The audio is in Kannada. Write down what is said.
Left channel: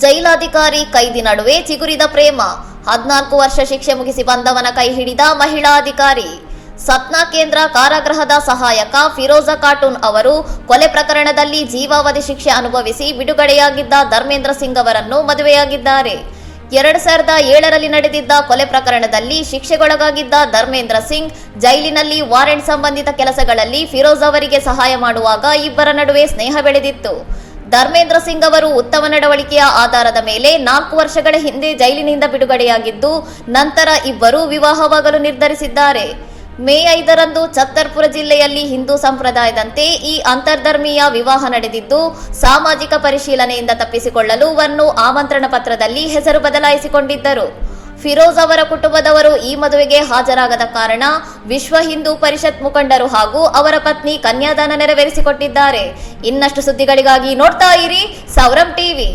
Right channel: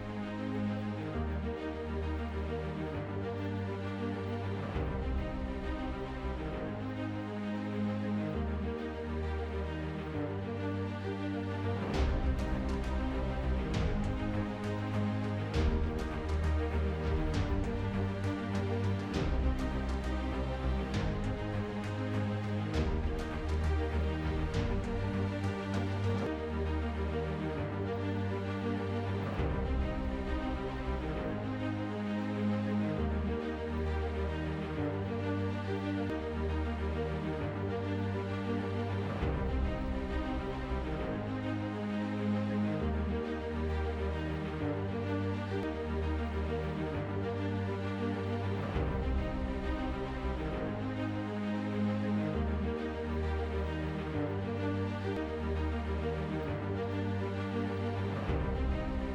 ಜೈಲಾಧಿಕಾರಿ ಕೈದಿ ನಡುವೆ ಚಿಗುರಿದ ಪ್ರೇಮ. 14 ವರ್ಷ ಶಿಕ್ಷೆ ಮುಗಿಸಿ ಬಂದವನ ಕೈ ಹಿಡಿದ ಮಹಿಳಾ ಅಧಿಕಾರಿ. ಸತ್ನಾ ಕೇಂದ್ರ ಕಾರಾಗೃಹದ ಸಹಾಯಕ ಫಿರೋಜಾ ಖಾಟೂನ್ ಅವರು ಕೊಲೆ ಪ್ರಕರಣದಲ್ಲಿ ಜೀವಾವಧಿ ಶಿಕ್ಷೆ ಅನುಭವಿಸಿ ಬಿಡುಗಡೆಯಾಗಿದ್ದ ಧರ್ಮೇಂದ್ರ ಸಿಂಗ್ ಅವರನ್ನು ಮದುವೆಯಾಗಿದ್ದಾರೆ. 2007ರಲ್ಲಿ ನಡೆದಿದ್ದ ಕೊಲೆ ಪ್ರಕರಣದಲ್ಲಿ ಶಿಕ್ಷೆಗೊಳಗಾಗಿದ್ದ ಧರ್ಮೇಂದ್ರ ಸಿಂಗ್ ಜೈಲಿನಲ್ಲಿ ವಾರೆಂಟ್ ಸಂಬಂಧಿತ ಕೆಲಸಗಳಲ್ಲಿ ಫಿರೋಜ್ ಅವರಿಗೆ ಸಹಾಯ ಮಾಡುವಾಗ ಇಬ್ಬರ ನಡುವೆ ಸ್ನೇಹ ಬೆಳೆದಿತ್ತು. ಧರ್ಮೇಂದ್ರ ಸಿಂಗ್ ಅವರು ಉತ್ತಮ ನಡವಳಿಕೆಯ ಆಧಾರದ ಮೇಲೆ 4 ವರ್ಷಗಳ ಹಿಂದೆ ಜೈಲಿನಿಂದ ಬಿಡುಗಡೆಯಾಗಿದ್ದು, ನಂತರ ಇಬ್ಬರು ವಿವಾಹವಾಗಲು ನಿರ್ಧರಿಸಿದ್ದಾರೆ. ಮೇ 5ರಂದು ಛತ್ತರ್ಪುರ ಜಿಲ್ಲೆಯಲ್ಲಿ ಹಿಂದೂ ಸಂಪ್ರದಾಯದಂತೆ ಈ ಅಂತರ್ಧರ್ಮೀಯ ವಿವಾಹ ನಡೆದಿದ್ದು, ಸಾಮಾಜಿಕ ಪರಿಶೀಲನೆಯಿಂದ ತಪ್ಪಿಸಿಕೊಳ್ಳಲು ವನ್ನು ಆಮಂತ್ರಣ ಪತ್ರದಲ್ಲಿ ಹೆಸರು ಬದಲಾಯಿಸಿಕೊಂಡಿದ್ದರು. ಫಿರೋಜ್ ಅವರ ಕುಟುಂಬದವರು ಈ ಮದುವೆಗೆ ಹಾಜರಾಗದ ಕಾರಣ ವಿಶ್ವ ಹಿಂದೂ ಪರಿಷತ್ ಮುಖಂಡರು ಹಾಗೂ ಅವರ ಪತ್ನಿ ಕನ್ಯಾದಾನ ನೆರವೇರಿಸಿಕೊಟ್ಟಿದ್ದಾರೆ. ಇನ್ನಷ್ಟು ಸುದ್ದಿಗಳಿಗಾಗಿ ನೋಡ್ತಾ ಇರಿ ಸೌರಂ ಟಿವಿ.